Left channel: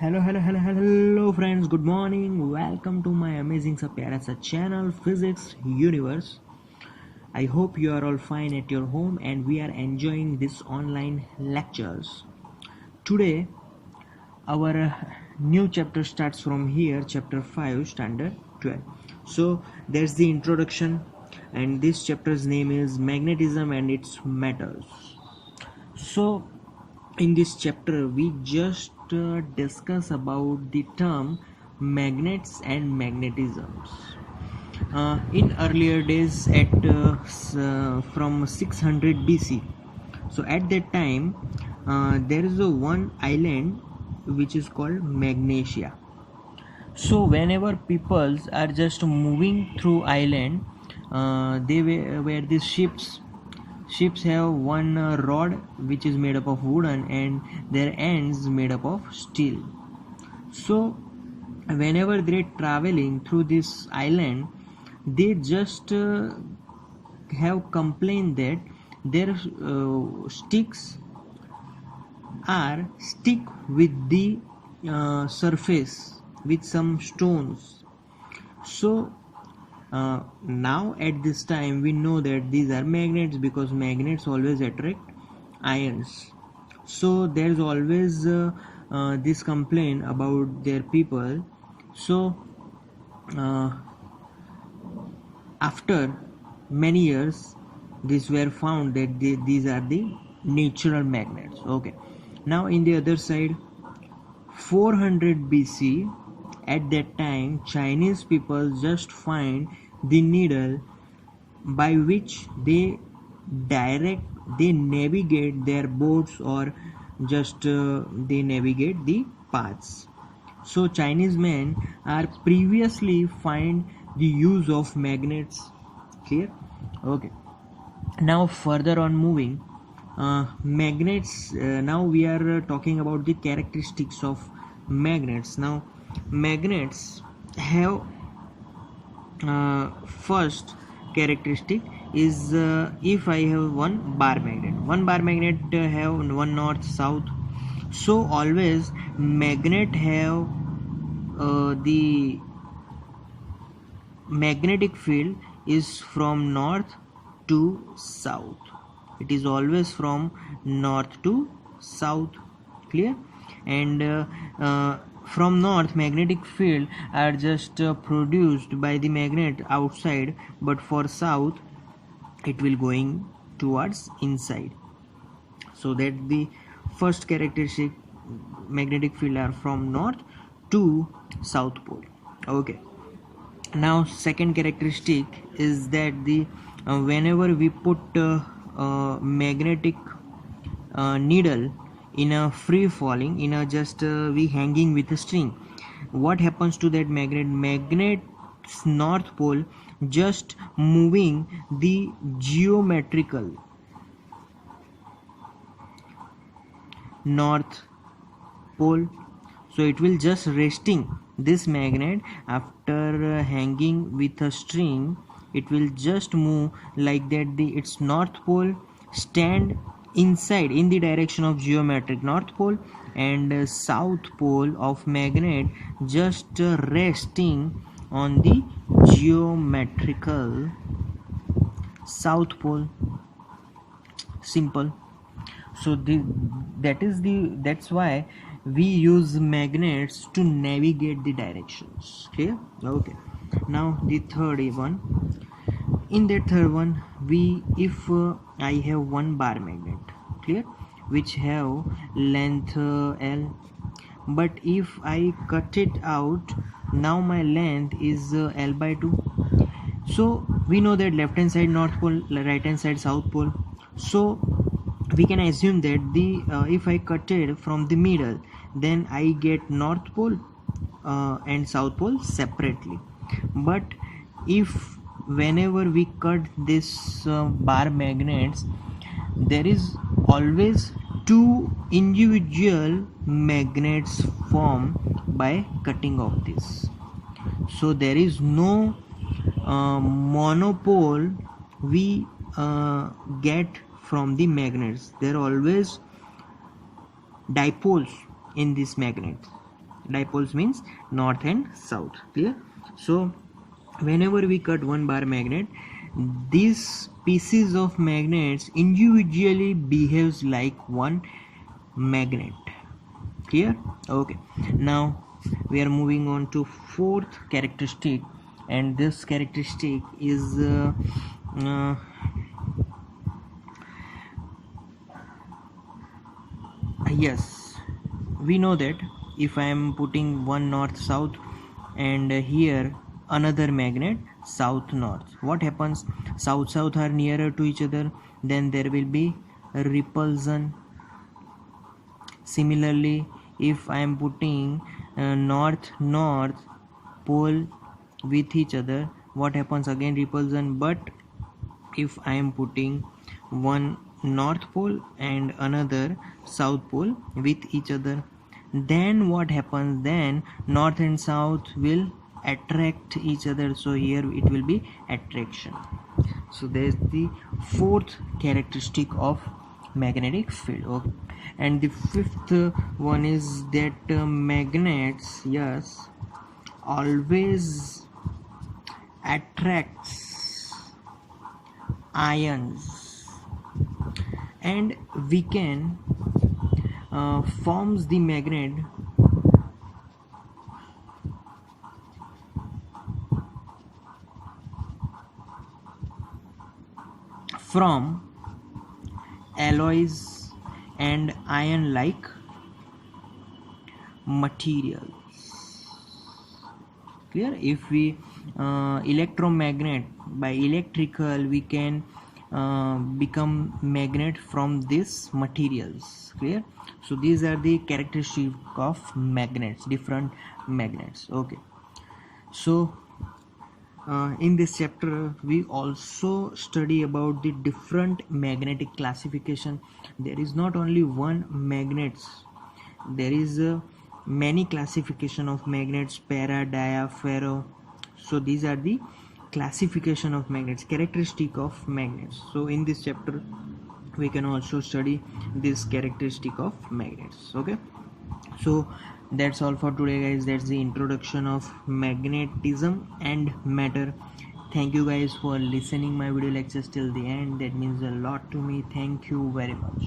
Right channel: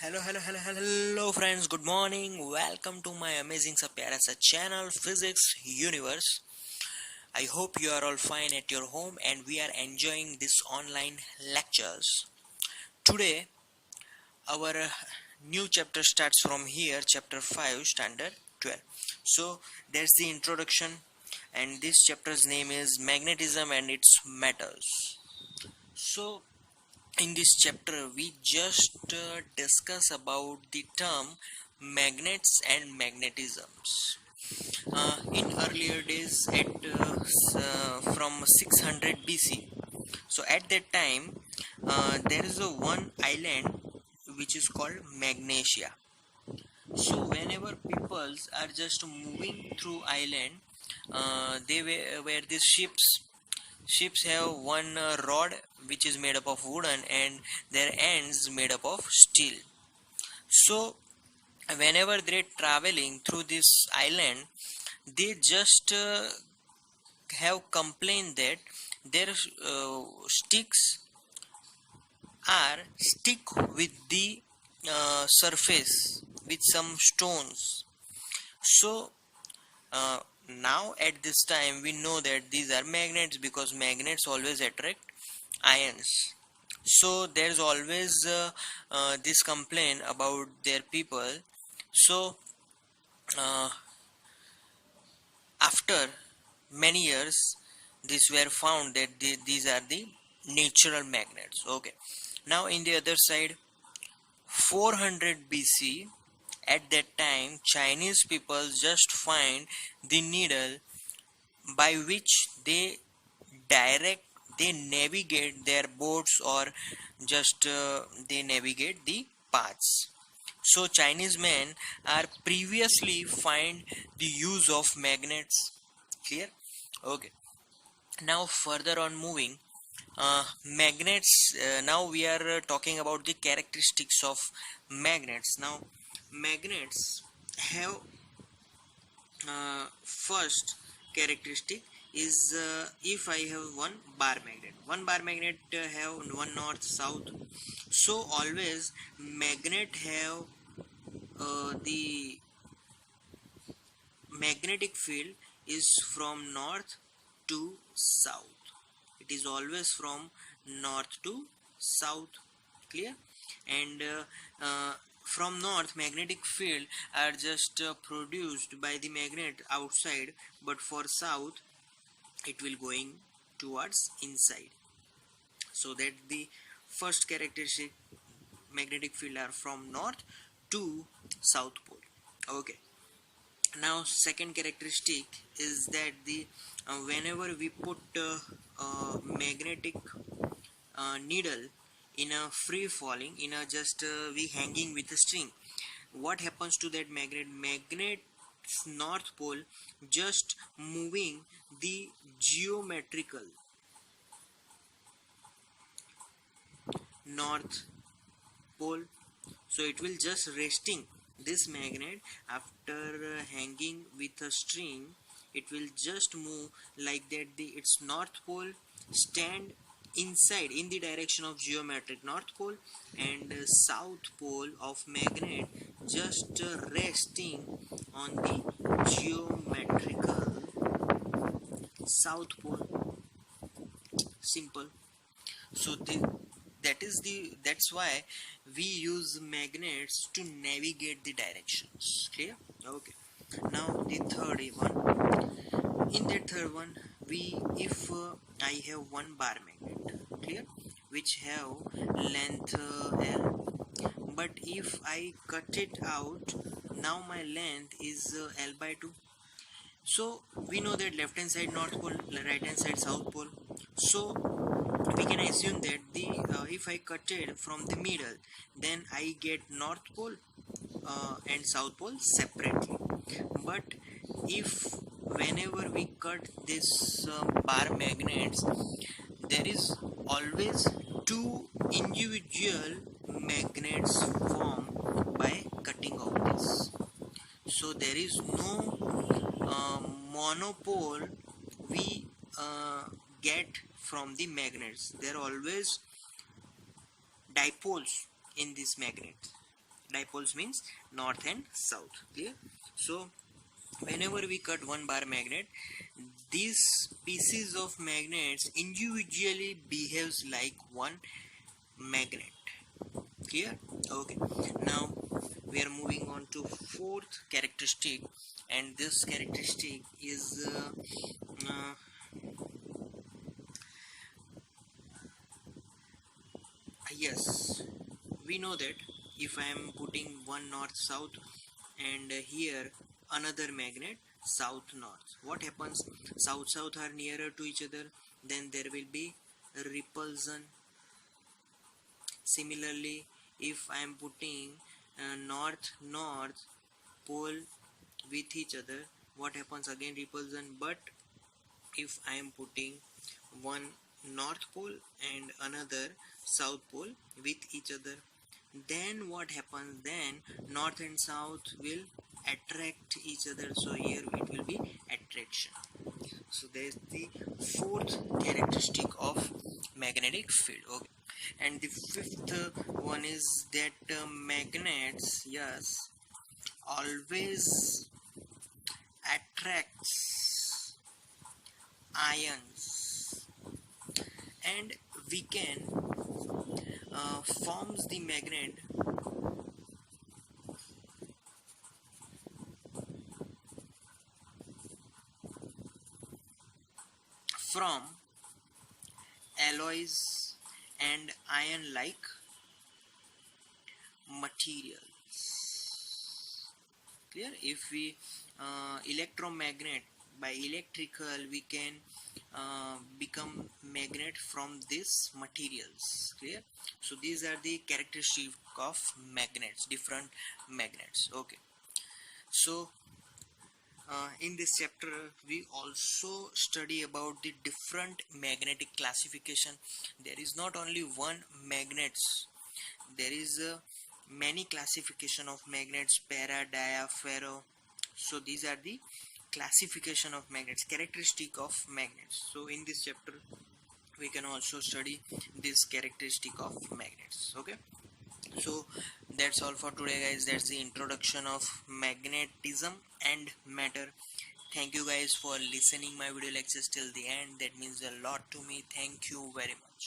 Hello, friends. Good morning. Welcome to my amazing sa pyara sa channel, Physics Universe. I hope you are all fine at your home and we are enjoying this online lectures. Today, our new chapter starts from here, chapter 5, standard 12. So, there's the introduction, and this chapter's name is Magnetism and its Metals. So, in this chapter, we just discuss about the term magnets and magnetisms. In earlier days, from 600 BC, so at that time, there is a one island which is called Magnesia. So whenever peoples are just moving through island, they were these ships have one rod which is made up of wooden and their ends made up of steel. So whenever they're traveling through this island, they just have complained that their sticks are stick with the surface with some stones. So now at this time we know that these are magnets because magnets always attract ions. So there's always this complaint about their people. So uh, after many years these were found that these are the natural magnets. Okay, now in the other side, 400 BC, at that time Chinese people just find the needle by which direct they navigate their boats, or just they navigate the paths. So Chinese men are previously find the use of magnets. Clear? Okay, now further on moving, magnets, now we are talking about the characteristics of magnets. Now magnets have, first characteristic is, if I have one bar magnet have one north south. So always magnet have the magnetic field is from north to south. It is always from north to south. Clear? And from north, magnetic field are just produced by the magnet outside, but for south it will going towards inside. So that the first characteristic, magnetic field are from north to south pole. Okay, now second characteristic is that the whenever we put magnetic needle in a free falling, in a just we hanging with a string, what happens to that magnet's north pole just moving the geometrical north pole. So it will just resting this magnet after hanging with a string. It will just move like that, the its north pole stand inside in the direction of geometric north pole, and south pole of magnet just resting on the geometrical south pole. Simple. So that's why we use magnets to navigate the directions. Clear? Okay, now the third one. In that third one, we if I have one bar magnet, clear, which have length L, but if I cut it out, now my length is L by 2. So we know that left hand side north pole, right hand side south pole. So we can assume that the if I cut it from the middle, then I get north pole and south pole separately. But if whenever we cut this bar magnets, there is always two individual magnets formed by cutting of this. So there is no monopole we get from the magnets. There are always dipoles in this magnet. Dipoles means north and south. Clear? So whenever we cut one bar magnet, these pieces of magnets individually behaves like one magnet. Clear? Okay. Now we are moving on to fourth characteristic, and this characteristic is uh, yes, we know that if I am putting one north south and here another magnet south north, what happens? South south are nearer to each other, then there will be repulsion. Similarly, if I am putting north north pole with each other, what happens? Again repulsion. But if I am putting one north pole and another south pole with each other, then what happens? Then north and south will attract each other, so here it will be attraction. So there's the fourth characteristic of magnetic field. Okay, and the fifth one is that magnets, yes, always attracts ions, and we can forms the magnet from alloys and iron like materials. Clear? If we electromagnet, by electrical we can become magnet from these materials. Clear? So these are the characteristics of magnets, different magnets. Okay, so in this chapter we also study about the different magnetic classification. There is not only one magnets, there is many classification of magnets: para, dia, ferro. So these are the classification of magnets, characteristic of magnets. So in this chapter we can also study this characteristic of magnets. Okay, so that's all for today, guys. That's the introduction of magnetism and matter. Thank you guys for listening my video lectures till the end. That means a lot to me. Thank you very much.